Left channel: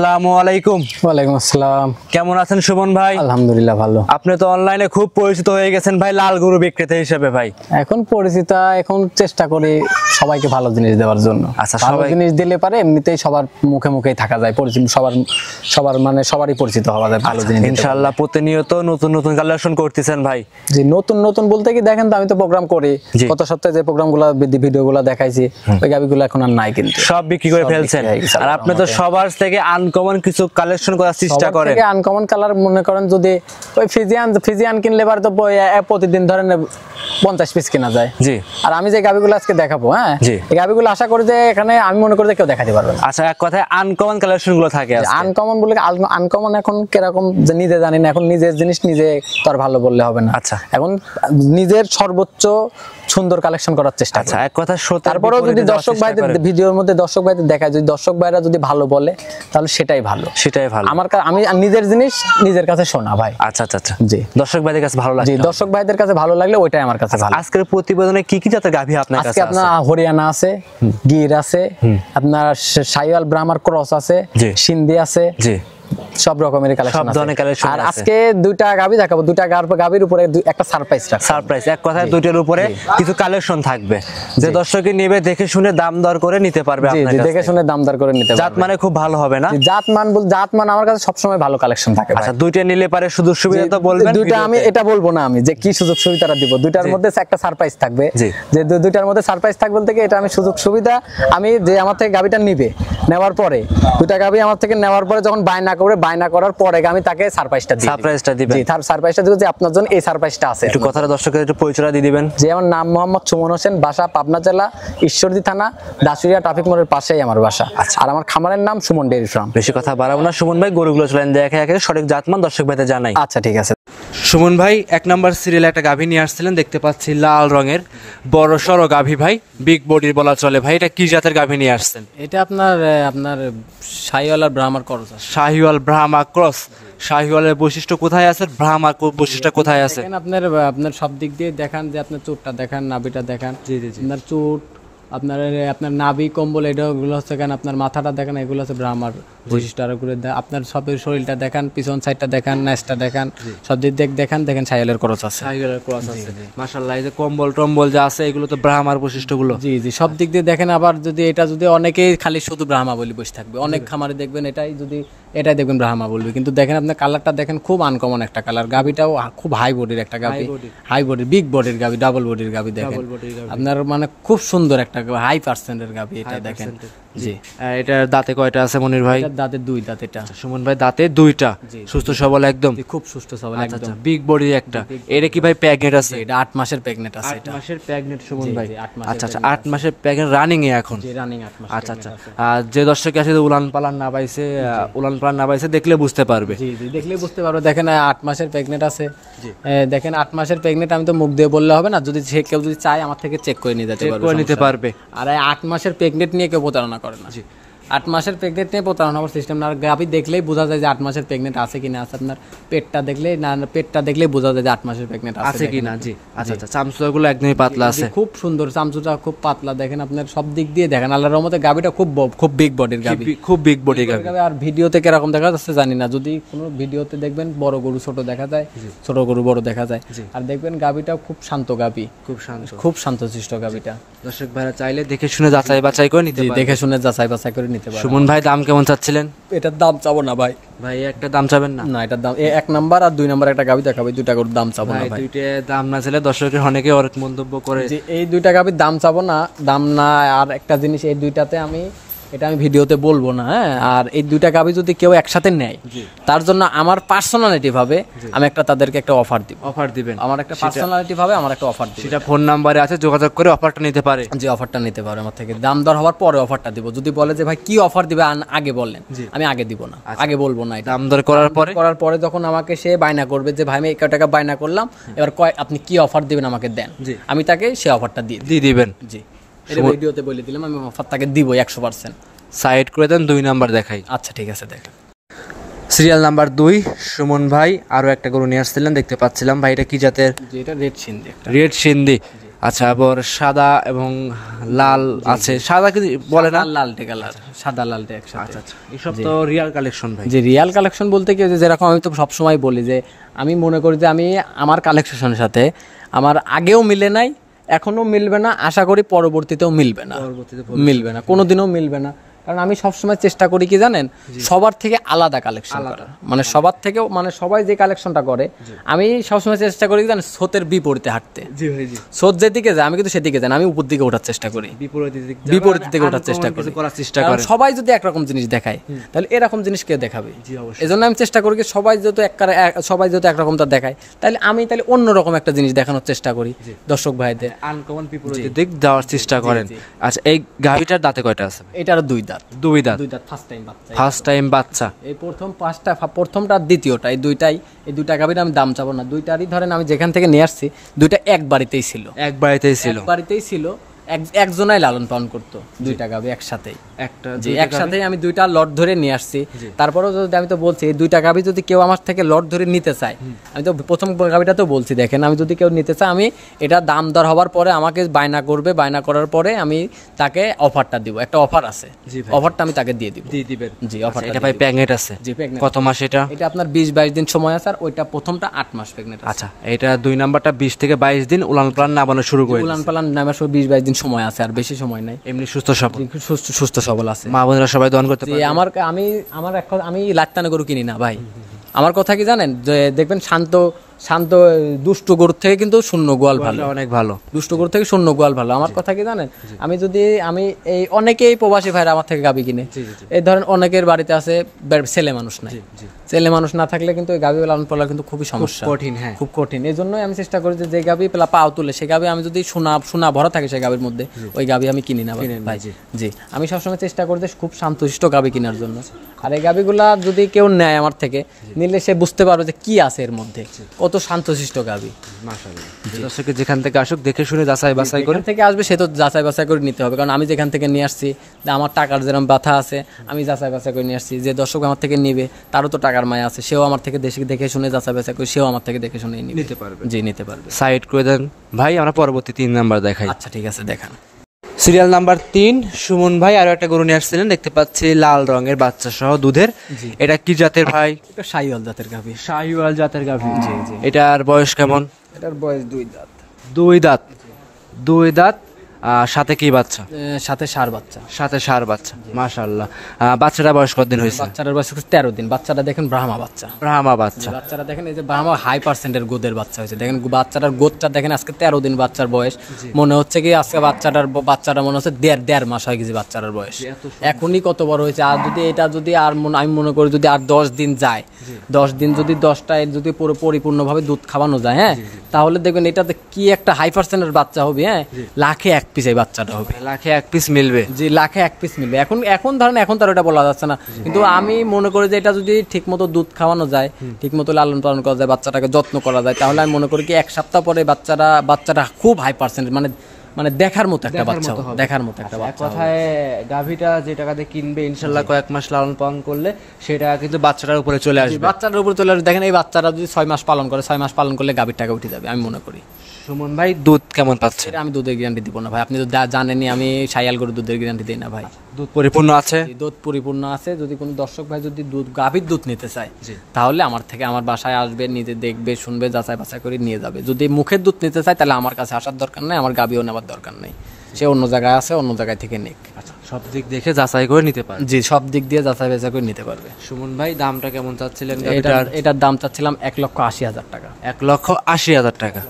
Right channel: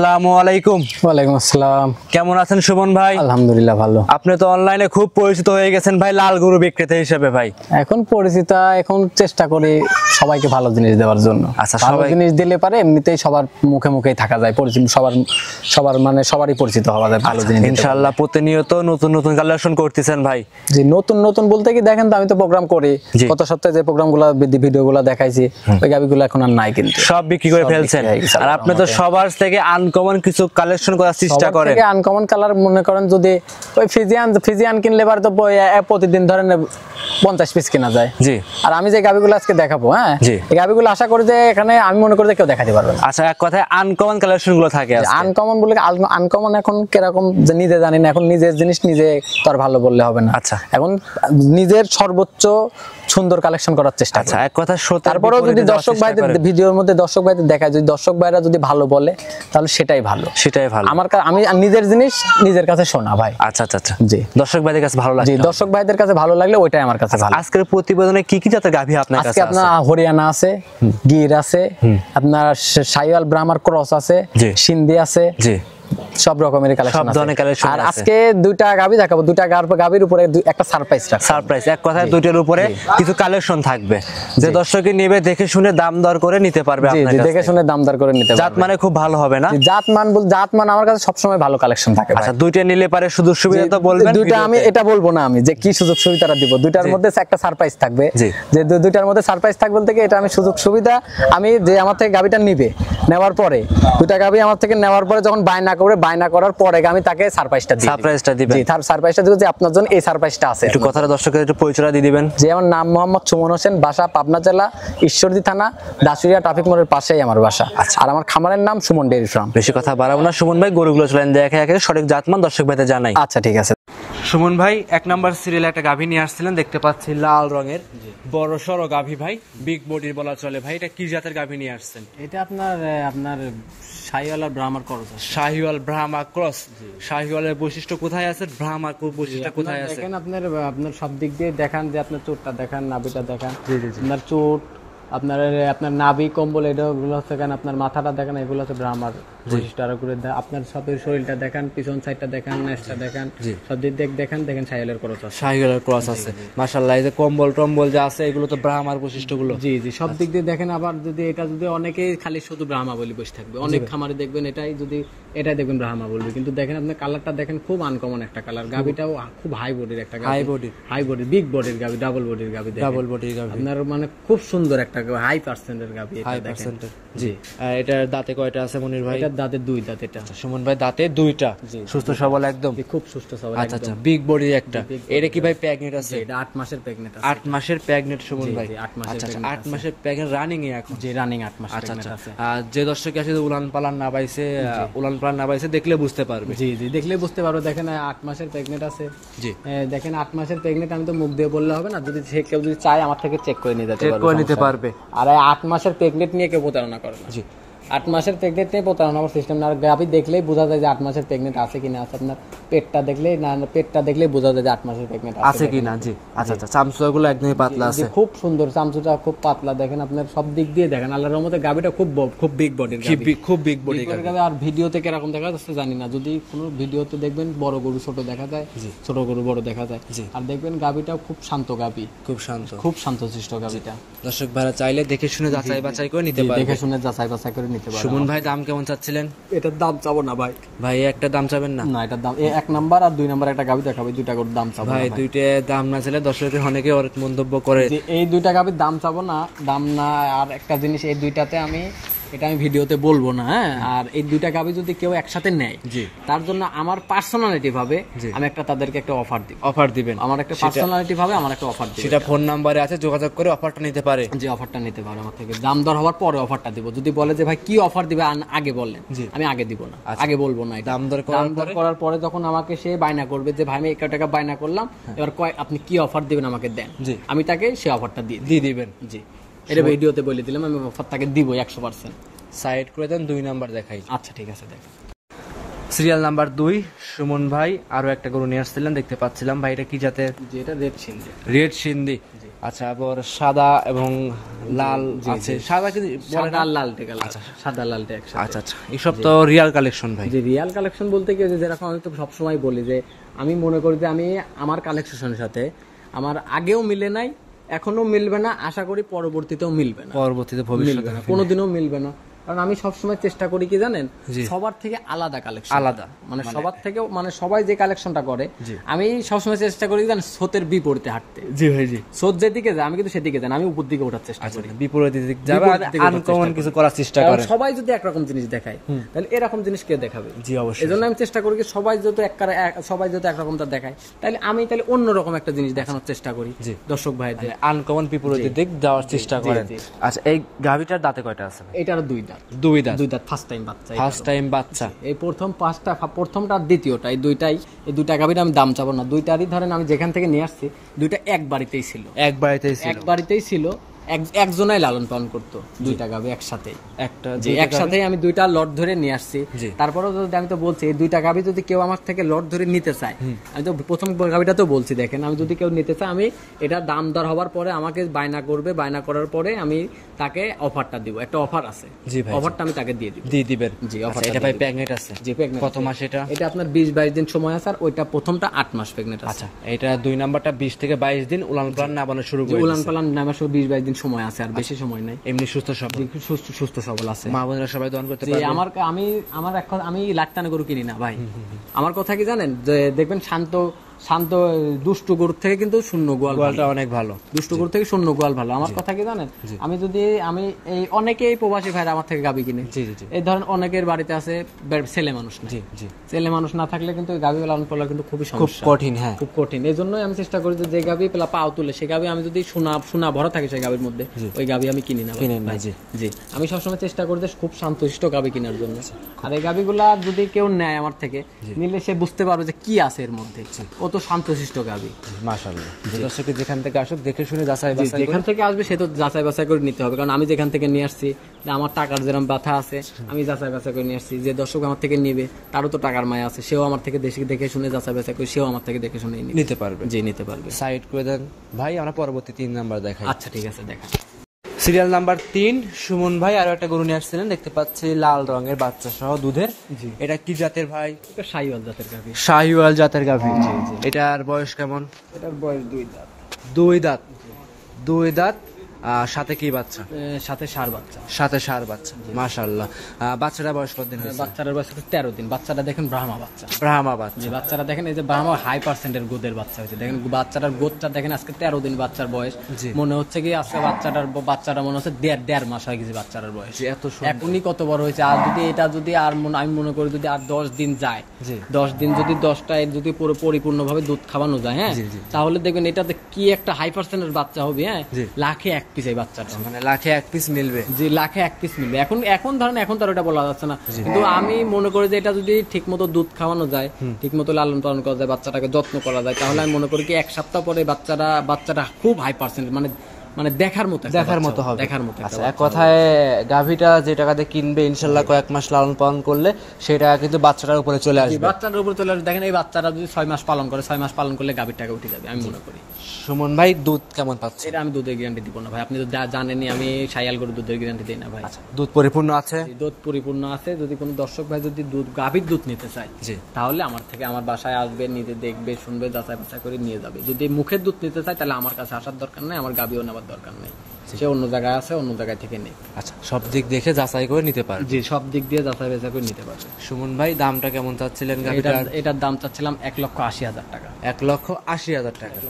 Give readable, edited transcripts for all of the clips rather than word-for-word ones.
আসসালামু আলাইকুম। ওয়ালাইকুম আসসালাম। কেমন আছেন সুমন ভাই? আলহামদুলিল্লাহ ভালো। আপনি তো অনলাইনে খুব পরিচিত হয়ে গেছেন ভাই লাল গরু বিক্রেতা হিসেবে ভাই। এখন পরিচিত, এখন চেষ্টা করি সবাইকে ভালো জিনিস দেওয়ার জন্য। আচ্ছা, ভালো জিনিস দিলে পারে এমনিতেই সবার মুখে মুখেই থাকা যায়, পরিচিত সবার মানে সবারই পরিচিত হওয়া যায় ভালো জিনিস। ইনশাআল্লাহ প্রতিনিয়ত নতুন নতুন কালেকশন করতেছেন ভাই। জি, নতুন নতুন বলতে কি দেখেন তো, আমি তো প্রোগ্রাম করি, গত সপ্তাহে যে প্রোগ্রামগুলো ভিডিওগুলো দেখাইছি ওই গাবিগুলো এখন আর নাই, কিন্তু সব বিক্রি করে ফেলছেন। আর আপনি তো সবার থেকে আনকমন কিছু কালেকশন করার চেষ্টা করেন। আনকমন কালার মনে করেন যদি ওই ফিজিয়ান কিনলে পারে তো প্রতিদিন ধরেন 50 পিস কেনা যায়। জি। আর আমি যে গাবিগুলো আজকে দেখাবো, হ্যাঁ এই গাবিগুলো আশা করি যে এখানে আমি মনে করি যে কেউ দেখাতে পারবে না। আচ্ছা, এক কথায় আনকমন কালেকশন গুলো থাকে। আনকমন বলে আনকমন এখন কিরকম যে নিজে জানি না, এখন নিজের জিনিস নিজে তো আর ভালো বললে হবে না। আচ্ছা, এখন নিজের সর্বোচ্চ সুন্দর কালেকশন করার চেষ্টা। আচ্ছা, এক কথা তারপরেও যদি দর্শক ভাইদের ভিডিওর মধ্যে দর্শক ভাইদের দেখায়, যদি দর্শক ভাইরা যদি ভালো বলে তাহলে সেটাই ভালো, সেটাই ভালো। আমি নিজের জিনিস নিজের কাছে শোনা ভাই। আচ্ছা আচ্ছা আচ্ছা, জি। দর্শক ভাইদের কাছে ভালো লাগে। জি, দর্শক ভাইদের কাছে ভালো লাগলে ওইটাই আমার কাছে ভালো। আজকের প্রতিবেদনে কি কি জাতের গাভী আপনার কাছে আছে? আপনার হরিয়ানা আছে, গির আছে, আপনার শাহিওয়াল ব্রাহ্মার ক্রস আছে, সিন্ধি আছে, জি, সব রকমের কালেকশন আছে। আর আজকে দুইটা গাবি দেখাবো, দুইটা গাবির উপরে একটা সারপ্রাইজ, এক কথায় দুইটার উপরে কিছু কালেকশন থাকবে যে দর্শকই নেবে দেখে শুনে দাম দর করে নিতে পারবে। আপনার কাছে দেখে শুনে দাম দর করে নিতে পারবে। জাত মানে খুব ভালো হবে না? জাত মান আমার কাছে সব সময় ভালো কালেকশন থাকে। আচ্ছা, দুইটা নিলে পারে সুযোগ সুবিধা তো বলবেন। দুইটা আমি এটা বলবো না আমি যে কি সুযোগ সুবিধাটা দিব, দুইটার মধ্যে একটা সারপ্রাইজ থাকবে। যে দুইটার মধ্যে সারপ্রাইজ থাকবে বলতে কি, এটা আমি সুযোগ সুবিধা আমি যে আমার থেকে গাবিটা নিবে, নেওয়ার পরে দুইটা গাবি আমার থেকে নেওয়ার পরে যখন বায়না করার পরে আমি তাকে সারপ্রাইজটা দিবেন। জি, তার সারপ্রাইজটা দিব যে আপনার জন্য এই সারপ্রাইজটা আছে। একটু কথাটা দর্শকদের একটু পরিচয় দিয়ে দিবেন। যে আমার নাম মোহাম্মদ সুমন হোসেন, বাসা পাবনা জেলা ঈশ্বরদী থানা দাসুরিয়া ট্রাফিক মোড়ের পাশেই আমার বাসা। আর আমার খামারের নাম সুমন ডেইরি ফার্ম। বেশি কথা বাড়াবো না সুমন ভাই, গরুগুলো চলেন দেখে একে সঠিক জাতমান দর্শক ভাইদের জানাই। আচ্ছা, ঠিক আছে। সুমন ভাই, 1 নাম্বার সিরিয়ালে একটা গাভী নিয়ে আসছিলেন, দেখতে পাচ্ছি লাল রঙের বড় সড়ো গাভী ভাই, বিগ বডির বলা চলে ভাই। এটা কি জাতের গাভী নিয়ে আসছেন? এটা আপনার শাহিওয়াল আর ব্রাহ্মার ক্রস। শাহিওয়াল ব্রাহ্মা ক্রস। শাহিওয়ালের বৈশিষ্ট্য কোথায় আছে, ব্রাহ্মার বৈশিষ্ট্য কোথায় আছে? দেখেন আপনার সব দিক দিয়ে দেখান, যে আপনার চোটটা দেখান, নাভিটা দেখান। আপনার চোট, আপনার নাভি কম্বল এগুলো হচ্ছে, কেন আপনার মাথাটা দেখেন, এগুলো হচ্ছে ব্রাহ্মার বৈশিষ্ট্য। আর আপনার সবের শরীরটা দেখান, পিছন সাইডটা দেখান, নাচটা দেখান, সব দিক দেখান শাহিওয়ালের ক্রস আছে। শাহিওয়ালের ক্রস আছে, মাশাআল্লাহ। এই যে কম্বল টম্বল যা আছে এগুলো তো ব্রাহ্মার বৈশিষ্ট্যগুলো। জি জি, সব দিক দিয়ে দেখেন। আবার যদি এটা যদি অনেকেই খালি শুধু ব্রাহ্মা বলি বসে থাকবে, অনেক খামারে দেখবেন এটাই দেখবেন ব্রাহ্মা বলবে, কিন্তু দেখেন আপনার কালারটা দেখেন, খুব আনকমন একটা কালার। গাবিটাও খুব হাই বডির একটা গাবি, হাই বডি বিগ বডির গাবি, ডাবল বডির গাবি দেখেন, আপনার মানে খুব সুন্দর একটা হাই পার্সেন্টের গাবি এটা দেখেন। জি, এটার দাঁতে কয়টা আছে মনির ভাই? এটার দাঁতে 2 দাঁত। এটা সুমন ভাই দাঁতে 2টা, সুস্থ সবল একদম, খুব সুস্থ সবল। আচ্ছা আচ্ছা, বিগ বডি একটা। এটা কি ভাই প্রেগনেন্ট আছে? এটা 8 মাসের প্রেগনেন্ট আছে। 8 মাসের প্রেগনেন্ট সুমন ভাই। আচ্ছা আচ্ছা, 8 মাসের প্রেগনেন্ট রানিং এ এখন? জি, রানিং 8 মাস। আচ্ছা আচ্ছা। আর যে দর্শক আছে উলান পালান না পাইছে দেখলে বুঝতে পারবে। জি জি, দেখলে বুঝতে পারবে। দেখেন 8 মাসের প্রেগনেন্ট আছে। জি, দেখেন 8 মাসের প্রেগনেন্ট। আমি তো মুখ দিয়ে বললে হবে না, যদি কেউ যদি চায় আমার থেকে চেক করে নিতে পারবে। আর 8 মাসের প্রেগনেন্ট নিয়ে কেউ প্রতারণা করে না। জি, 8 মাসের প্রেগনেন্ট নিয়ে প্রতারণা হওয়ার সিস্টেম না। আর গাভী দেখলেই বোঝা যায় যে 8 মাসের প্রেগনেন্ট আছে কিনা আছে। আপনার পেটটা দেখলেই বোঝা যায় যে 8 মাসের প্রেগনেন্ট আছে কিনা। জি, আচ্ছা আচ্ছা। চামচুগুলো একদমই পাতলা আছে, খুব সুন্দর। চামচুটা খুব পাতলা দেখেন, আপনার সব দিক দিয়ে দেখেন। আল্লাহর রহমতে গাভীটা খুব বিগ বডির গাভী, খুব বিগ বডির গাভী। আর ভিডিওতে কিরকম দেখা যাচ্ছে জানি না, যদি কোনো ভিডিওতে দেখবেন বড় গরু ছোট দেখা যায়, ছোট গরু বড় দেখা যায়। আর দেখবেন গাভীটা খুব শান্ত গাভী, খুব শান্তশিষ্ট গাভীটা। দর্শক ভাইরা চাইলে দেখে শুনে যাচাই বাছাই করে নিতে পারবে। দেখে শুনে যাচাই বাছাই করে নিতে পারবে। সুমন ভাই, দাম কেমন চাচ্ছিলেন? এটার দাম চাবো না ভাই। ভাই একটা দাম চাবেন না? না, এটার দাম 1 নাম্বার আর 2 নাম্বার একটা গাভী দেখাবে, 2টা করে দাম চাবো ভাই। 2টা দাম না চাইলে দর্শকের অনেকে অনেক মন্তব্য করে যে এই 2টা গাভীর দাম চাবো না, দাম না। আর একটা জিনিস, এই 2টাতে আমি ভিডিওতে বলবো না, হ্যাঁ। আর এই 2টা গাভী যদি কেউ একসাথে নেয়, তার জন্য আমার পার্সোনালিটি ভাবে আমি তাদেরকে একটা অফার দিবেন। আমার একটা পার্সোনালিটি ভাবে আমার একটা অফার দিব, সেটা ফোন নাম্বারে আছে, যোগাযোগ করে অফারটা নিতে পারে। যে অফারটা নিতে পারে আমার থেকে, দাম দর হওয়ার পরে অফারটা দিব। যদি বলে যে ভাই কি অফার দিবে আগে বলেন, আমি আগে দিব না, আগে বলবো না। দাম দর করার পরে যখন আমাকে সে বায়না করবে যে ভাই আমি 1 টাকা বায়না করলাম, এবার আপনি কি অফার দিবেন আমাকে দেন, আমি তাকে সে অফারটা দিয়ে দিবেন। জি, এটা ভিডিওতে বলে দিলাম, আমি অফার তাকে দিব 100%। সাইড করে দেন, 2 নাম্বার দেখাই। আচ্ছা, ঠিক আছে, দেখেন। সিরিয়াল নাম্বার 2 সুমন ভাই আরো একটা গরু নিয়ে আসছিলেন, দেখতে পাচ্ছিলাম ভাই। এটা কি জাতের? এটা রেড সিন্ধি। রেড সিন্ধি। আচ্ছা, আবার সাদা এবং লাল আছে, সাদা কি বলে না, লালটে কালার, সাদা লালটে একসাথে। আচ্ছা আচ্ছা, এসব তো রিয়াল কালেকশন ভাই। যে রিয়াল কালেকশন বলতে কি, যেরকম আমি তো সবসময় বলি যে আমি মনে করি যে আমি আমার কালেকশনের সাথে আমার আগেও মিলে নাই, এখনো মিলবে না, আশা করি পরবর্তীতেও মিলবে না, মিলবে না, কোনোদিনও মিলবে না। কারণ আমি সবসময় চেষ্টা করি কি জানেন, সবার থেকে আলাদা কালেকশন, আলাদা মানে সবার থেকেও, মানে সবাই যে কালেকশনটা করে আমি সবসময় চেষ্টা করি জানেন স্রোতের বিপরীতে হাঁটতে। জি ভাই, জি, স্রোত যেদিকে যায় আমি কিন্তু সেদিকে যাই, আমি উপর দিকে ওঠার চেষ্টা করি, বিপরীত দিকে ওঠার চেষ্টা করি। সবাই যদি একরকম জিনিস দেখায় তাহলে এরকম জিনিস কে দেখাবে? জি অবশ্যই। এজন্য আমি চেষ্টা করি সবাই যত একরকমটা দেখায়, তাহলে আমি অন্যরকম একটা জিনিস দেখানোর চেষ্টা করি দর্শক ভাইদের, আনকমন বিপরীত দিক দেওয়ার চেষ্টা করেন। আচ্ছা, এই গাভীটার দাঁতে কয়টা আছে? এটার দুই দাঁত, ফার্স্ট টাইম বাচ্চা। এই প্রথমটা দ্বিতীয়টা, এই দুইটা গাভীর আমি দাম চাবো না, দুইটারই ধরেন আমি যেখান থেকে নিয়ে আসছি দুইটা এক বাড়িতেই ছিল, একজনাই লালন পালন করতো, দুইটা গাভী একসাথেই আমি দুইটা লট ধরে নিয়ে আসছি। তারপরেও যদি আমি তো বলছি এই দুইটা গাভী যদি কেউ আমার থেকে লট ধরে নিতে চায়, আমি তো প্রথম গাভীটা তো বলছি, দেখেন আমি যদি কেউ নিতে চাই আমি এটা দাম দর হওয়ার পরে আমাকে বায়না করবে, বায়না করার পরে আমি তাকে অফারটা দিব, একটা অফার আছে, অফারটা আমি তাকে দিয়ে দিবেন। জি, অফার। এটা ভাই প্রেগনেন্ট আছে? জি, প্রেগনেন্ট। কত মাস এটা? এটা আপনার 20-22 দিন সময় আছে, আর ওইটা প্রথমটা 8 মাস প্রেগনেন্ট। আচ্ছা, এটা দুই নাম্বারটা 20 থেকে 22 দিন উলান পালান নামানো শুরু করে, উলান পালান নামানো শুরু 20-22 দিন সময় আছে, আর বেশি সময় নাই, এমনি সুস্থ সবল আছে, মা বোনেরা সবাই দহন করতে পারে। আমি লাখটানা গরু কিনি না ভাই, আমার কথা কি জানেন, যে দেখবেন শান্ত দুষ্ট গরুর থেকে কিন্তু শূন্য গোয়াল ভালো, অনেক ভালো, দুষ্ট গরুর থেকে শূন্য গোয়াল ভালো। আমার কথা কি জানেন, আমি এই অনেকেই প্রবাসী ভাইরা আমার থেকে গাভী কিনে, এই ধরেন অনেকের বাড়িতে আছে ছেলে মানুষ নাই, ছেলে মানুষ না থাকলে কিন্তু ওই গাভী লালন পালন কিন্তু খুবই সমস্যা, কঠিন, হ্যাঁ খুব কঠিন। এই জন্যই আমি চেষ্টা করি যে গাভী পাও তুলে সেই গাভী আমি যদি সোনা ভরা থাকে সেই গাভীর মধ্যে, ওই গাভী আমি কিনি না ভাই। জি, আমি সবসময় চেষ্টা করি যে খুব শান্তশিষ্ট গাভী কেনার জন্য। আর এই গাভীগুলা যদি কেউ নেয় আমার থেকে, নিলে সে বুঝতে পারবে যে কি আছে এর মধ্যে, কত শান্তশিষ্ট গাভী। মাশাআল্লাহ, দর্শকে যেখান থেকে আসুক দেখে শুনে যাচাই বাছাই করে, যেখান থেকে আসবে সে তো যাচাই বাছাই করে নিতে হবে। কারণ আমি যেখান থেকে নিয়ে আসছি, আমার টাকার যেরকম ব্যথা আছে, আমি যাচাই বাছাই করে নিয়ে আসছি। যে দর্শক আমার থেকে নেবে তারও তো টাকার মায়া আছে, সেও আমার থেকে দেখে শুনে যাচাই বাছাই করে সেও আমার থেকে দেখে শুনে নিতে পারবে। জি, নিতে পারবে। সাইড করে দেন ভাই, আমরা পরবর্তী 3 নাম্বার দেখাই। আচ্ছা ঠিক আছে, দেখান। সিরিয়াল নাম্বার 3, সুমন ভাই আরো একটা গরু নিয়ে আসছিলেন, দেখতে পাচ্ছি লাল রঙের বাচ্চা সহ দুধের। এটা কি জাতের ভাই? এটা শাহিওয়াল জাতের গাভী। শাহিওয়াল জাতের গাভী। এটার বয়স কেমন? এটার বয়স 2 দাঁত। 2 দাঁত। সাথে কি বাচ্চা? সাথে ষাঁড় বাচ্চা। মাশাআল্লাহ। বাচ্চাটা বয়স কতদিন হয়েছে? বাচ্চাটার বয়স 13 দিন। বাচ্চাটা দেখেন ব্রাহ্মা বাচ্চা। বাচ্চাটা দেখেন, এই যে ব্রাহ্মা হাই পার্সেন্টের গোদের বাচ্চা হয়েছে। দেখেন বাচ্চাটার গোদটা দেখেন, আজকে 13 দিন বাচ্চার বয়স। মনে হচ্ছে কি আজকে বাচ্চাটা মনে হচ্ছে 1.5 মাস হয়ে গেছে বাচ্চাটার বয়স। এখনই কত বড় হয়েছে। আর যদি এটা যদি আমি মনে করি যদি আর 10 দিন যায়, 10 দিন যদি 10টায় যদি পুরো পরিপূর্ণভাবে দুধ খাওয়ানো যায়, হ্যাঁ, তাহলে দেখবেন এটাতে কি একটা হাই পার্সেন্টের বাচ্চা হবে। হ্যাঁ, লাখে 1 পিস এই বাচ্চাটা হবে, লাখে 1 পিস মিলবে। জি, লাখে 1 পিস মিলবে। এখন ধরেন এখন তার ওটা বলা যাচ্ছে না, কিন্তু আমি মনে করি যে এটা যদি ঠিক মতো দুধ খাওয়ানো যায়, ঠিক মতো লালন পালন করা যায়, বাচ্চাটাকে যত্ন করা যায়, তাহলে আমি মনে করি কি 1 সপ্তাহ পরে বাচ্চাটা খুব হাই পার্সেন্ট, মানে দেখার মতো হবে। এক কথায় গাভীটা যে টাকাতে কিনবে ইনশাল্লাহ কয়েক মাস লালন পালন করলে সেটা কিন্তু বাচ্চাটার উপরে চলে আসবে। দেখেন এই বাচ্চাটা যদি 6 মাস পালন করে, 6 মাস পালন করলে গাভীর টাকা উঠে যাবে আমি মনে করি। সুমন ভাই, দুধ কেমন পাচ্ছে? আমি দুধের গ্যারান্টি দিব না ভাই, আপনি তো জানেনই আমি শাহিওয়াল গরুর দুধের গ্যারান্টি দিই না ভাই। দুধ পরিপূর্ণ আছে? দুধ পরিপূর্ণ আছে। যদি কোনো দর্শক ভাই যদি গাভীর দুধ নিতে চায়, তাহলে আমার বাসায় আসবে, নিজে দেখবে, শুনবে, যাচাই বাছাই করে নিয়ে যাবে। যদি মুখের দুধ নিতে চায় তাহলে আমার কাছে আসার দরকার নাই, আমার গাভীও নেওয়ার দরকার নেই, সে অন্য জায়গায় আছে, অন্য জায়গায় থেকে নিক। আচ্ছা, সব দিক দেখে যাচাই করে নিতে পারবে? জি, সব দিক দিয়ে যাচাই বাছাই করে নিতে পারবে। সুমন ভাই, দামটা কেমন চাচ্ছিলেন? এটার দাম চাচ্ছিলাম 1,80,000 টাকা। 1,80,000 টাকা।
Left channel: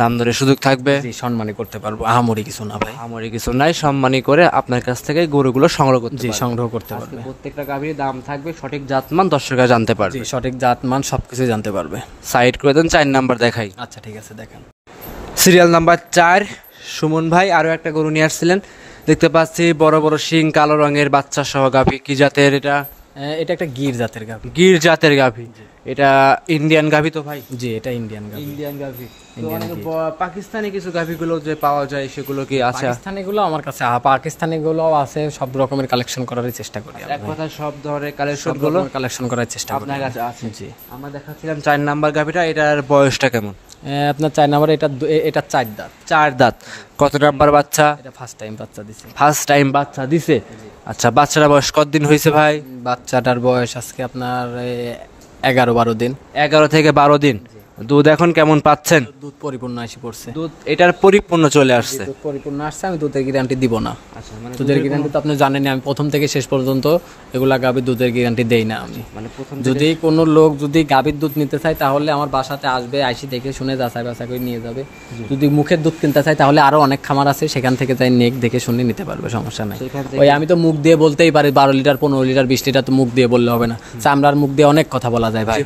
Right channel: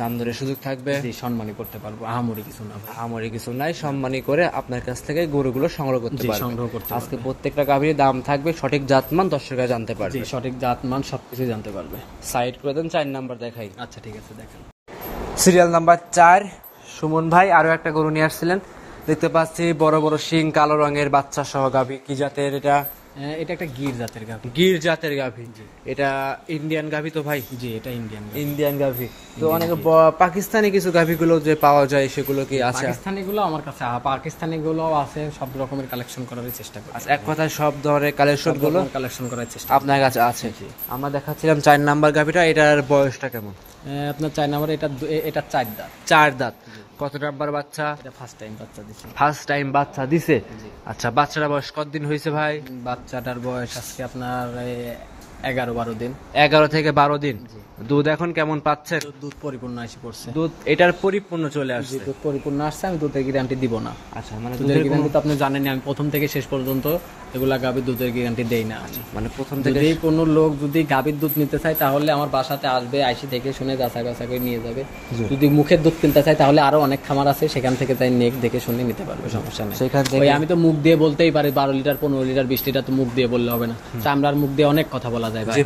দাম ধরে সুযোগ থাকবে? জি, সম্মানী করতে পারবো, আহামরি কিছু না ভাই, আহামরি কিছু নাই, সম্মানী করে আপনার কাছ থেকে গরুগুলো সংগ্রহ করতে পারবে। সংগ্রহ করতে পারবে। আজকে প্রত্যেকটা গাভীর দাম থাকবে, সঠিক জাতমান দর্শকরা জানতে পারবে। সঠিক জাতমান সবকিছু জানতে পারবে। সাইড করে দেন, 4 নাম্বার দেখাই। আচ্ছা ঠিক আছে, দেখেন। সিরিয়াল নাম্বার 4, সুমন ভাই আরো একটা গরু নিয়ে আসছিলেন, দেখতে পাচ্ছি বড় বড় শিং, কালো রঙের বাচ্চা সহ গাভী। কি জাতের এটা? এটা একটা গির জাতের গাভী। গির জাতের গাভী। এটা ইন্ডিয়ান গাভী তো ভাই? জি, এটা ইন্ডিয়ান গাভী। তো অনেক পাকিস্তানি কিছু গাভীগুলো যে পাওয়া যায় সেগুলো কি আছে? পাকিস্তানিগুলো আমার কাছে, পাকিস্তানিগুলো আছে, সব রকমের কালেকশন করার চেষ্টা করি। এক কথায় সব ধরনের কালেকশন করার চেষ্টা আপনার কাছে আছে। জি, আমরা দেখাচ্ছিলাম 4 নাম্বার গাভীটা, এটার বয়সটা কেমন? আপনার 4 নাম্বার, এটা 4 দাঁত। 4 দাঁত। কত নাম্বার বাচ্চা? এটা ফার্স্ট টাইম বাচ্চা দিছে। ফার্স্ট টাইম বাচ্চা দিছে। আচ্ছা, বাচ্চাটা বয়স কতদিন হয়েছে ভাই? বাচ্চাটার বয়স আজকে আপনার 11-12 দিন। 11 থেকে 12 দিন। দুধ এখন কেমন পাচ্ছেন? দুধ পরিপূর্ণ এসে পড়ছে। দুধ এটার পরিপূর্ণ চলে আসছে। দুধ পরিপূর্ণ আসছে, আমি দুধের গ্যারান্টি দিব না। আচ্ছা, মানে দুধের গ্যারান্টি তো আপনি জানেনই, আমি প্রথম থেকে শেষ পর্যন্ত এগুলা গাভীর দুধের গ্যারান্টি দেই না আমি। মানে প্রথম যদি কোনো লোক যদি গাভীর দুধ নিতে চায় তাহলে আমার বাসাতে আসবে, আইসি দেখে শুনে যাচাই বাছাই করে নিয়ে যাবে। যদি মুখের দুধ কিনতে চায় তাহলে আরো অনেক খামার আছে, সেখান থেকে তাই নেক দেখে শুনে নিতে পারবে, সমস্যা নেই। ওই আমি তো মুখ দিয়ে বলতেই পারি 12 লিটার 15 লিটার 20 লিটার, তো মুখ দিয়ে বললে হবে না। চামড়ার মুখ দিয়ে অনেক কথা বলা যায় ভাই।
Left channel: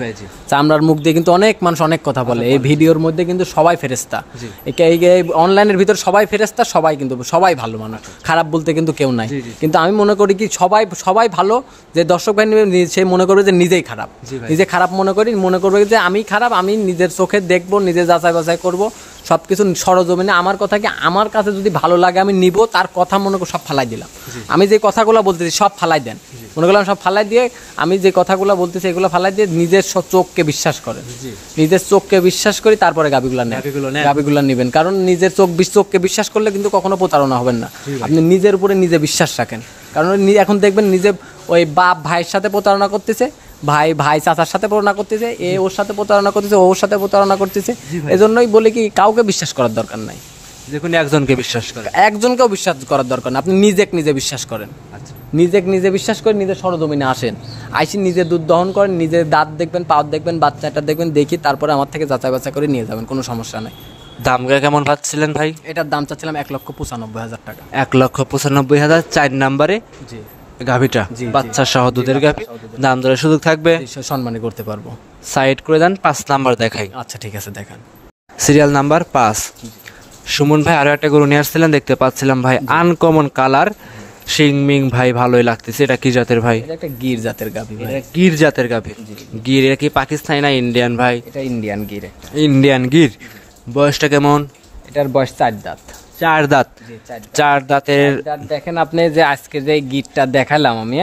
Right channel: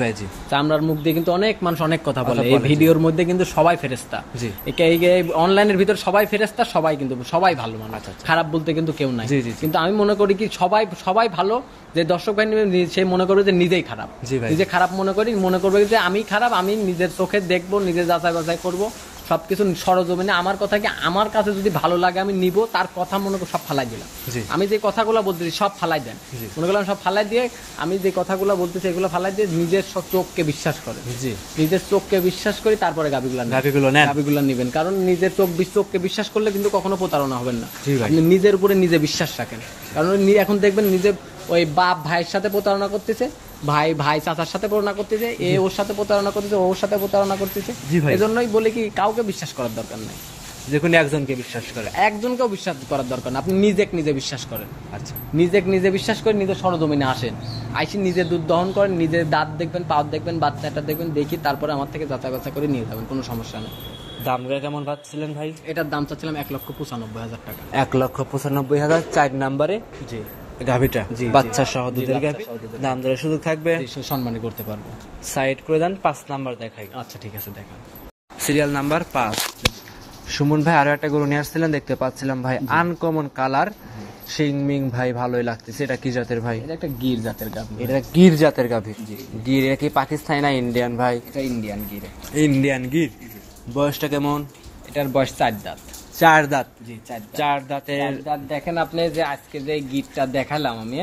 চামড়ার মুখ দিয়ে কিন্তু অনেক মানুষ অনেক কথা বলে। এই ভিডিওর মধ্যে কিন্তু সবাই ফেরেশতা, অনলাইনের ভিতর সবাই ফেরেশতা, সবাই কিন্তু সবাই ভালো মানুষ, খারাপ বলতে কিন্তু কেউ নাই। কিন্তু আমি মনে করি কি সবাই ভালো, যে দর্শক ভাই নেবে সে মনে করবে যে নিজেই খারাপ, নিজে খারাপ মনে করবে যে আমি খারাপ, আমি নিজের চোখে দেখবো, নিজে যাচাই বাছাই করবো সবকিছু সরজমিনে। আমার কথা কি, আমার কাছে যদি ভালো লাগে আমি নিব, তার কথা মনে করে সব ফালাই দিলাম। আমি যে কথাগুলো বলতেছি সব ফালাই দেন, মনে করলাম সব ফালাই দিয়ে, আমি যে কথাগুলো বলতেছি এগুলো ফালাই দিয়ে নিজের চোখকে বিশ্বাস করেন, নিজের চোখকে বিশ্বাস করি, তারপরে গাভীগুলো নেবেন। কারণ নিজের চোখকে বিশ্বাস করলে কিন্তু কখনো প্রতারণা হবেন না। আপনি নিজের উপরে নিজে বিশ্বাস রাখেন। কারণ এখন দেখবেন নিজে ওই বাপ ভাইয়ের সাথে প্রতারণা করতেছে, ভাই চাচার সাথে প্রতারণা করতেছে, ওর সাথে প্রতারণা করতেছে, ওর সাথে প্রতারণা করতেছে। এজন্যই বলে কি কাউকে বিশ্বাস করার দরকার নাই, যেকোনো একজনকে বিশ্বাস করে, একজনকেও বিশ্বাস করার দরকার না। আপনি নিজে বিশ্বাস করেন। আচ্ছা, নিজে বিশ্বাস করে নিজের সরজমিনে আসেন, আইসি নিজে দুধ দহন করেন, নিজে দাঁত দেখবেন, পাও দেখবেন, বাচ্চাটা দেখবেন, দেখি তারপরে আমার থেকে যাচাই বাছাই করে নিয়ে যাবেন, কোনো সমস্যা নাই। দামটা কেমন পাচ্ছিলেন ভাই? এটার দাম চাচ্ছিলাম 1,95,000 টাকা। 1,95,000 4 নম্বরে গাভীটা, বাচ্চা সহ দুধের গাভী। দাম দরের সুযোগ থাকবে, সম্মানী করতে পারবো। সাইড করে দেন, 5 নাম্বার দেখাই। আচ্ছা ঠিক আছে, দেখান। Serial number 5। সুমন ভাই আরো একটা গরু নিয়ে আসছিলেন, দেখতে পাচ্ছিলাম ভাই আনকমন কালার, শিং মিং ভাই ভালোই লাগতেছে। এটা কি জাতের ভাই? এটা একটা গির জাতের গাভী। এটা গির জাতের গাভী। গির এটা কি পাকিস্তানি না ইন্ডিয়ান ভাই? এটা ইন্ডিয়ান গির। ইন্ডিয়ান গির। বয়সটা কেমন? এটার বয়স 4 দাঁত। 4 দাঁত। 4 দাঁতের। দেখেন আপনি যে আজকে যে গিরটা দেখালাম আমি,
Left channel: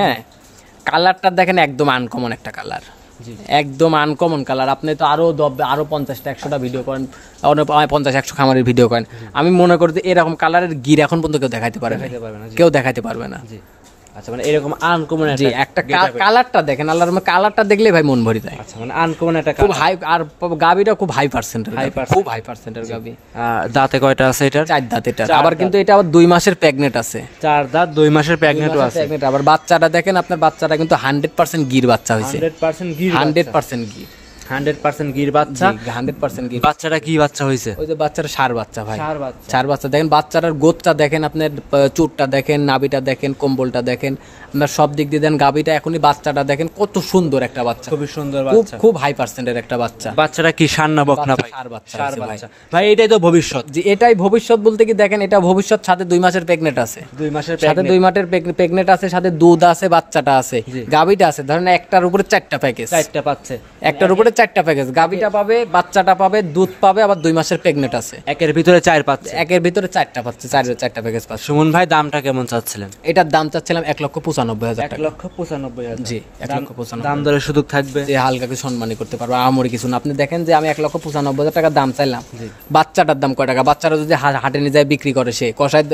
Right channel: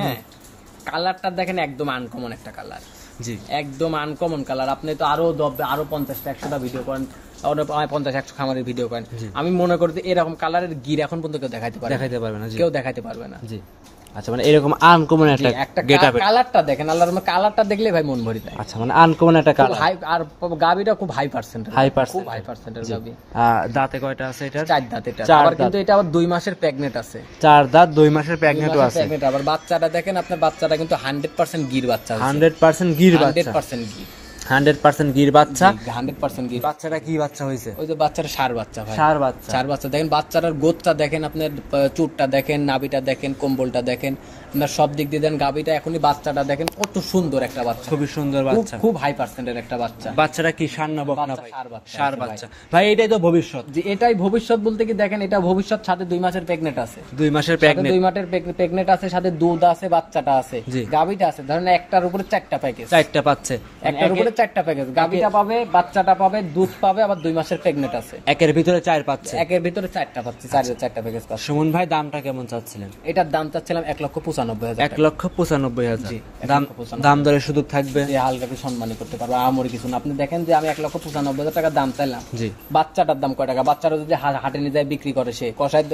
কালারটা দেখেন একদম আনকমন একটা কালার, একদম আনকমন কালার। আপনি তো আরো 50টা 100টা ভিডিও করেন, 50-100 খামারের ভিডিও করেন। আমি মনে করি যে এরকম কালারের গির এখন পর্যন্ত কেউ দেখাইতে পারবে না, কেউ দেখাইতে পারবে না। আচ্ছা, মানে এরকম আনকমন একটা কালারটা দেখেন, আল্লাহর কালারটা দেখলে ভাই মন ভরে যায়। আচ্ছা, মানে আনকমন একটা কালার। আর গাবিটা খুব হাই পার্সেন্টের, খুব হাই পার্সেন্টের গাবি। দাঁতে কয়টা আছে এটা? 4 দাঁত। এটা আবার কিন্তু এটা আবার 2 মাসের প্রেগনেন্ট আছে। 4 দাঁত 2 মাসের প্রেগনেন্টও আছে। আবার বাচ্চাটা দেখেন, আপনার বাচ্চাটা কিন্তু 100% গির বাচ্চা হয়েছে। 100% গির বাচ্চা। 100% গির। 100% গির বাচ্চা। 100% গির। বাচ্চাটা কি বাচ্চা হয়েছে? ওই যে বাচ্চাটা ষাঁড় বাচ্চা ভাই। ষাঁড় বাচ্চা দেখেন, বাচ্চাটার গোদটা দেখেন, আপনার চুটটা দেখেন, নাভিটা দেখেন, কম্বলটা দেখেন, আপনার সব দিক দিয়ে দেন। গাবিটা এখনই বাচ্চাটা দেখেন কত সুন্দর একটা বাচ্চা, খুবই সুন্দর বাচ্চা, খুব হাই পার্সেন্টের একটা বাচ্চা। বাচ্চাটা কি ষাঁড় না বকনা ভাই? ষাঁড় বাচ্চা ভাই। এটাই তো ভবিষ্যৎ। জি, এটাই ভবিষ্যৎ বলতে কি দেখেন, এটা ভবিষ্যৎ, সাথে 2 মাসের প্রেগনেন্ট আছে। 2 মাসের প্রেগনেন্ট আছে, সাথে দুধ আছে, বাচ্চাটা আছে, গাবিটা আছে। ধরেন একটার উপরে 4টা প্যাকেজ, 4টা পাচ্ছে। একটার উপরে 4টা প্যাকেজ, গাবিটা পাবে, বাচ্চাটা পাবে, দুধ পাবে, আবার 2 মাসের প্রেগনেন্ট আছে। একের ভিতরে 4 পাচ্ছে, একের ভিতরে 4টা পাচ্ছে, 4টা প্যাকেজ পাচ্ছে। সুমন ভাই দামটা কেমন চাচ্ছিলেন? এটার দাম চাচ্ছিলাম 1,95,000 টাকা। 1,95,000। জি, 1,95,000। দাম দরের সুযোগ থাকবে, যে হালকা কিছু সম্মানী করতে পারবো, আমরি কিছু না। আপনি দেখেন যে আমি 1,95,000 টাকা দাম চাইলাম, বাচ্চাটার দাম কয় টাকা? বাচ্চারা যদি হাটে নিয়ে যায় বিক্রি করে, সে কষায়,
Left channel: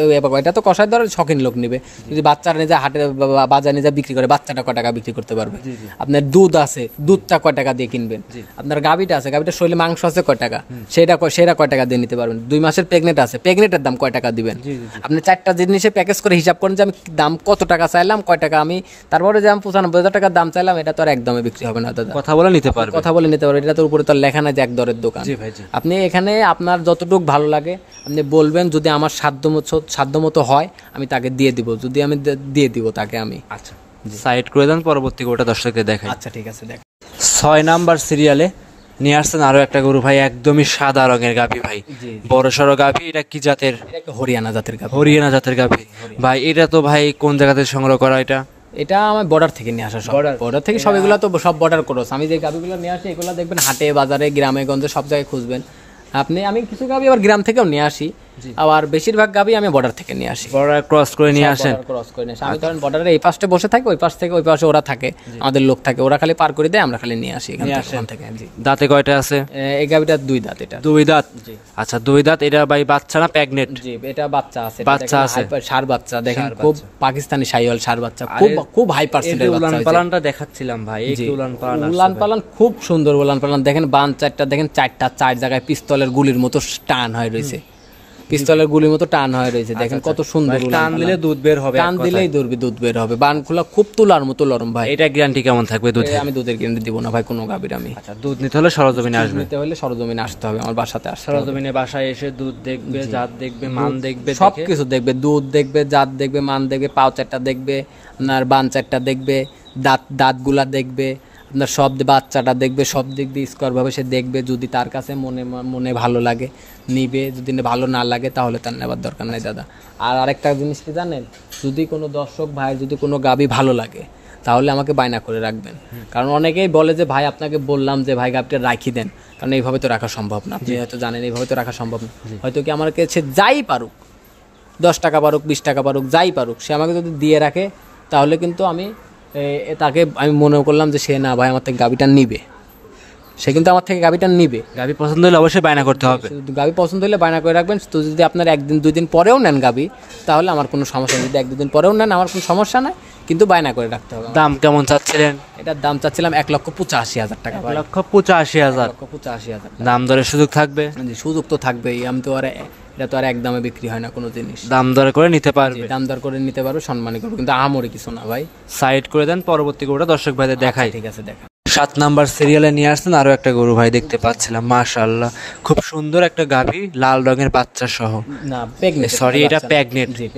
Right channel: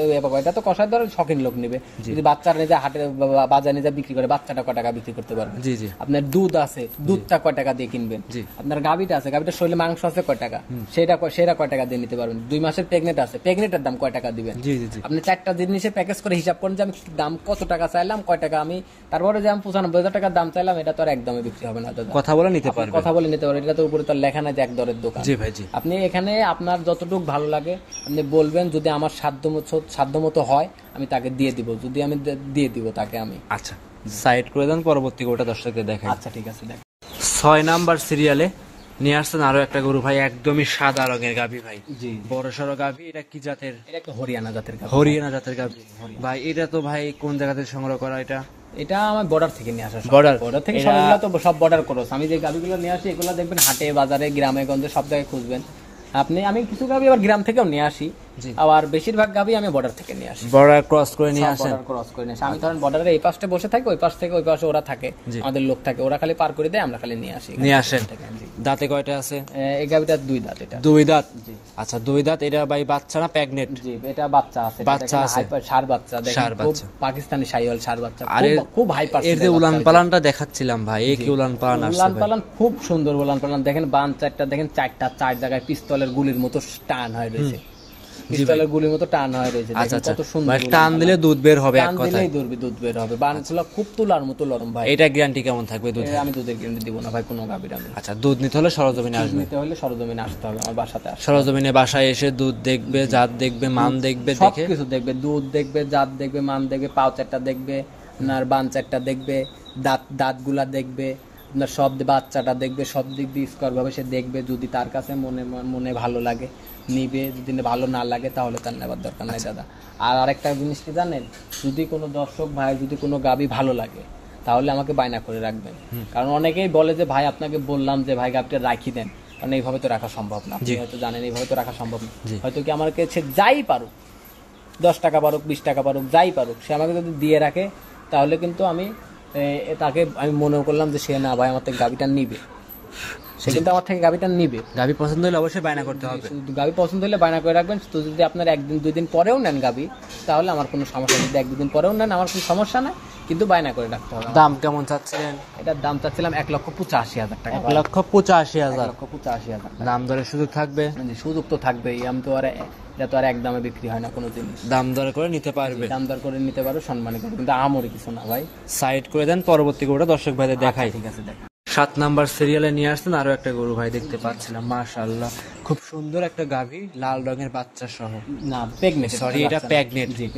এটা তো কষায় ধরে শখিন লোক নিবে। যদি বাচ্চারা নিয়ে যায় হাটে বাজারে নিয়ে যায় বিক্রি করে, বাচ্চাটা কয় টাকা বিক্রি করতে পারবে? আপনার দুধ আছে, দুধটা কয় টাকা দিয়ে কিনবেন? আপনার গাবিটা আছে, গাবিটার শরীরে মাংস আছে কয় টাকা, সেটা কয় টাকা দিয়ে নিতে পারবেন? 2 মাসের প্রেগনেন্ট আছে, প্রেগনেন্টের দাম কয় টাকা দিবেন? আপনি 4টা জিনিসের প্যাকেজ করে হিসাব করেন যে আমি দাম কত টাকা চাইলাম, কয় টাকা আমি, তারপরে যে আমি 95,000 টাকার দাম চাইলাম, এটা তো আর একদমই বিক্রি হবে না দাদা। কথা বলে নিতে পারবে, কথা বলে নিতে পারবে। এটা তো উপরে তো লেখা নাই যে এক দরের দোকান। জি ভাই, জি। আপনি এখানে আপনার যতটুকু ভালো লাগে আপনি বলবেন, যদি আমার সাধ্যমতো হয় আমি তাকে দিয়ে দিব, যদি আমি দিয়ে দিব তাকে আমি। আচ্ছা, সাইড করে দেন, পরবর্তী গরুটা দর্শকদের দেখাই। আচ্ছা ঠিক আছে, দেখ। 6 নাম্বার সিরিয়ালে নিয়ে আসছেন আরো একটা গরু ভাই, একদমই সাদা রঙের গাভী ভাই, বড় সড়ো গাভী। এটা কি জাতের? হরিয়ানা জাতের গাভী। হরিয়ানা জাতের গাভী ভাই। এটা তো ভাই কোন জায়গাতে সংগ্রহ করা? এটা আমার বর্ডার থেকে নিয়ে আসা, বর্ডার থেকে সব। এগুলো তো সব বর্ডার ক্রস। আমি যে গাভীগুলো নিয়ে আসি, এগুলো দেখবেন হাটে বাজারে গ্রামে গঞ্জে সব জায়গায় খুঁজবেন আপনি। আমি কিছু গাভী আবার গ্রাম থেকেও নিয়ে আসি, আবার বেশিরভাগ গাভী আমি বর্ডার থেকে নিয়ে আসি, বর্ডার ক্রস করে নিয়ে আসেন। ক্রস করে নিয়ে আসি আমি, কারণ বর্ডারের এই পাশে বসে থাকি, ওই পাশ থেকে ওই পাশে ওরা থাকে, আমাদের লোক থাকে, ওরা খালি পার করে দেয়, আমরা খালি নিয়ে আসি, নিয়ে আসেন থেকে। দাঁতে কয়টা আছে? এই গাভীটা 2 দাঁত। এটা 2 দাঁত। আচ্ছা 2 দাঁত। এটা ভাই বাচ্চা না প্রেগনেন্ট? জি এটা বাচ্চা আছে, বাচ্চা আছে, ষাঁড় বাচ্চা দেখেন, খুব পাকিস্তানি শাহিওয়াল ষাঁড় বাচ্চা, খুব হাই পার্সেন্টেজ। এই যে উলান পালানটা দেখাচ্ছিলাম ভাই, এই কি উলান পালান আছে? উলান পালান খুব সুন্দর উলান পালান, দেখেন বান চারটা দেখেন, চারটা 4 জায়গায় পিস্তলের গুলির মতো টান হয়ে রয়েছে, পিস্তলের গুলির মতো টান হয়ে রয়েছে, দেখেন কত সুন্দর। টান দিলে দুধ বের হবে, টান দিলেই দুধ বের হবে, বানগুলো খুব তুলার মতো নরম ভাই। এটা গ্যারান্টি কেমন থাকবে দুধে? আমি দুধের গ্যারান্টি দিব না ভাই কোনো গাভীর আমি। আচ্ছা দুধ নিতে হলে সরজমিনে আসবে? নিতে হলে সরজমিনে আসতে হবে, আমার বাসাতে আসতে হবে। সরজমিনে বাসায় এসে দুধ দেখবে, জাত দেখবে, মান দেখবে, সবকিছু দেখবে, দুধ দেখবে, জাত দেখবে, মান দেখবে, পাও চারটা দেখবে, আপনার বান চারটা দেখবে, দাঁতগুলা দেখবে, আপনার সব বাচ্চাটা দেখবে, সব দিক দিয়ে স্কোয়ার ভাবে সে দেখবে। যদি তার কাছে মনে ভালো লাগে নিবে, যদি ভালো না লাগে তাহলে তার নেবার দরকার নাই দাদা। আর আরেকটা জিনিস কি জানেন, যদি কোনো দর্শক ভাই যদি কোনো গাভী ভালো লাগে তাহলে আমাকে বায়না করে রাখবেন, কারণ অনেকেই বলে যে ভাই আপনাকে বললাম যে ভাই গাভীটা রাখি দেন, কারণ এইভাবে তো রাখা সম্ভব না, আপনি হয়তো জানেন এইভাবে তো রাখা সম্ভব না। হয়তো কি আমার কাছে যাই পারুক, 10 টাকা পারুক, 20 টাকা পারুক, যাই পারুক, সে আমাকে যদি দিয়ে রাখে তাহলে কিন্তু আমি তাকে আমি মনে করলাম যে সে না ভাই আমার থেকে গাভীটা নিবে, সে কিন্তু আমার থেকে গাভীটা নিবে। গাভী পছন্দ হলে অবশ্যই বায়না করতে হবে। গাভী পছন্দ হলে বায়না করে রাখবেন। তো যদি আপনার 1-2 দিন পরেও নেন গাভী তাহলে আমার কোনো সমস্যা নেই, 1-2 দিন পরেও নেন আমার কোনো সমস্যা নাই, কিন্তু বায়না করে রাখতে হবে। দাম কেমন চাচ্ছিলেন? এটার দাম চাচ্ছিলাম 1,85,000 টাকা। 1,85,000। 1,85,000 দাম দরের সুযোগ থাকবে? সুযোগ তো থাকবেই, আমি তো আর এটা তো আর একদমে বিক্রি হয় না কোনো জিনিস, দাম দর করে নিতে পারবে। দাম দর করে নিতে পারবে, সম্মানী করবে, কিন্তু আমরে কিছু না ভাই। সাইড করে দেন, পরবর্তী গরুটা দর্শক ভাইদের দেখাই। ঠিক আছে দেখা। 7 নাম্বার সিরিয়ালে নিয়ে আসছেন আরো একটা গরু ভাই, দেখতে পাচ্ছিলাম মাশাআল্লাহ খুব সুন্দর একটা গাভী, লাল রঙের বাচ্চা সহ। না প্রেগনেন্ট, সরি এটা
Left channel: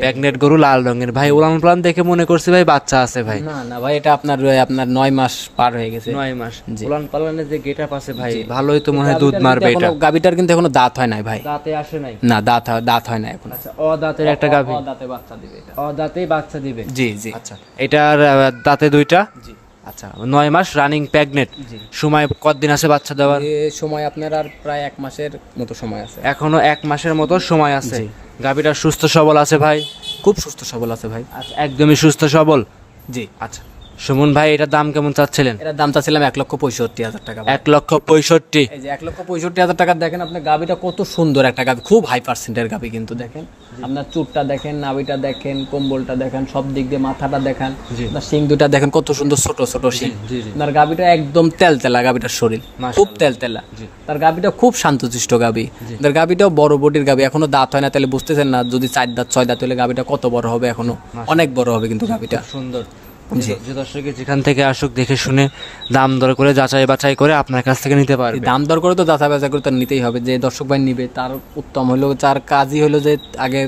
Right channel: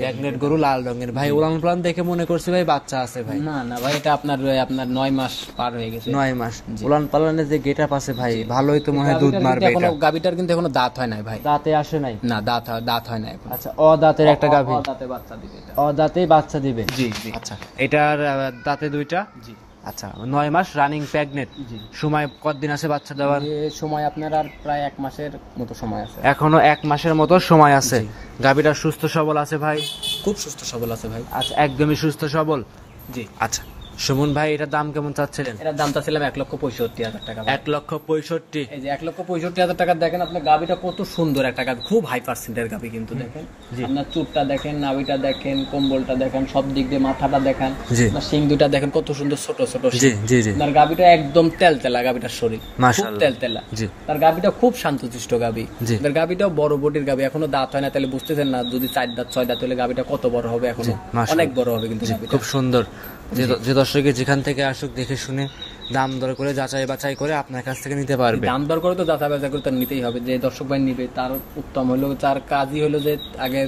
প্রেগনেন্ট গরু, লাল রঙের ভাই। উলান পালান দেখে মনে করছি ভাই বাচ্চা আছে ভাই। না ভাই এটা আপনার 9 মাস পার হয়ে গেছে। 9 মাস। উলান পালানের যে গেটআপ আছে ভাই, ভালোই তো মনে হয় দুধ মারবে এটা। গাভীটার কিন্তু এখনো দাঁত হয় নাই ভাই, দাঁতে আসে নাই? না দাঁত হয় না এখন। আচ্ছা দাঁতের একটা গাভী, দাঁতে বাচ্চা দিবে এটা, দাঁতেই বাচ্চা দিবে। জি। আচ্ছা এটার দাঁতে 2টা। জি। আচ্ছা 9 মাস রানিং প্রেগনেন্ট। সময় কতদিন আছে বাচ্চা দেওয়ার? সময় আপনার আর প্রায় 1 মাসের মতো সময় আছে, এখনো 1 মাসের মতো সময় আছে। গাভীটা সুস্থ সবল আছে ভাই? খুব সুস্থ সবল আছে ভাই। আচ্ছা একদমই সুস্থ সবল। জি। আচ্ছা সুমন ভাই এটার দাম কেমন চাচ্ছিলেন? এটার দাম চাচ্ছিলাম 1,65,000 টাকা। 1,65,000। এই যে 1,65,000 টাকা দেখেন আপনার গাভীটা কত সুন্দর একটা গাভী, খুব হাই পার্সেন্টের গাভী, কিন্তু দেখেন আপনার চুটটা দেখেন, নাভিটা দেখেন, কম্বলটা দেখেন, সব দিক দিয়ে মাথাটা দেখেন, আপনার শিং দুটা দেখেন কত সুন্দর ছোট ছোট শিং। আপনার গাভীটা একদম তেলতেলা, গাভীটার শরীর খুব তেলতেলা, তার গাভীটা খুব শান্তশিষ্ট গাভী, তার গাভীটাও বড় বডির গাভী, এখনো দাঁত হয় না, তাহলে বুঝতেছেন না যদি 4 দাঁত 6 দাঁত হলে গাভীটা কত বড় হবে, এখনো অনেক বড় হবে কিন্তু গাভীটা। খুব সুন্দর। যে দর্শকে যেখান থেকে আসুক দেখে শুনে দাম দর করে যাচাই বাছাই করে আপনার কাছ থেকে নিতে পারবে। দাম দর করে তো যাচাই বাছাই করে তার নিতেই হবে, যে দর্শক ভাই নিবে তার উত্তম হলো, তার কাজই হলো যে আগে,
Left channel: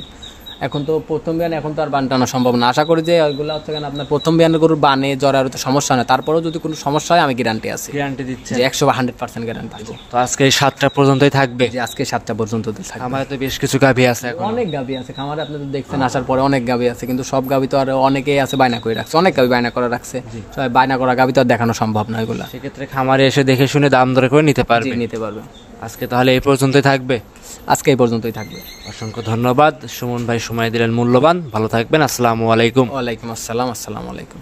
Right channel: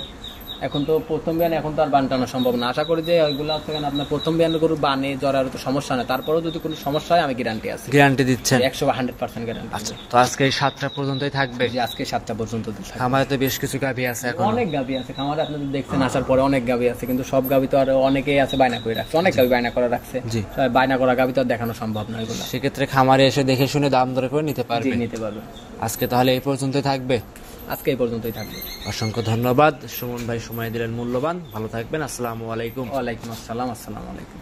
এখন তো প্রথম বিয়ান, এখন তো আর বান টানা সম্ভব না। আশা করি যে ওইগুলো হচ্ছে আপনার প্রথম বিয়ানের গরুর বানে জ্বরের তো সমস্যা না, তারপরেও যদি কোনো সমস্যা হয় আমি গ্যারান্টি আছে, গ্যারান্টি দিচ্ছে 100% গ্যারান্টি আছে। তো আজকে এই 7টা পর্যন্তই থাকবে? যে আজকে 7টা পর্যন্ত থাকবে। আমাদের তো বেশ কিছু গাভী আছে, এখন অনেক গাভী আছে খামারে, আপনি তো দেখছেন আসার পরে অনেক গাভী আছে, কিন্তু সব গাভী তো আর অনেকেই আছে বায়না করে রাখছে, অনেক গাভী বায়না করে রাখছে, সবাই বায়না করা গাভী তো আর দেখানো সম্ভব না, এগুলো সেক্ষেত্রে খামারে এসে দেখে শুনে দাম দর করে নিতে পারবে। আজকে তাহলে এই পর্যন্তই থাকবে? আজকে এই পর্যন্তই থাকবে। অসংখ্য ধন্যবাদ সুমন ভাই, সময় দিলেন মূল্যবান। ভালো থাকবেন। আসসালামু আলাইকুম। ওয়ালাইকুম আসসালাম। আসসালামু আলাইকুম।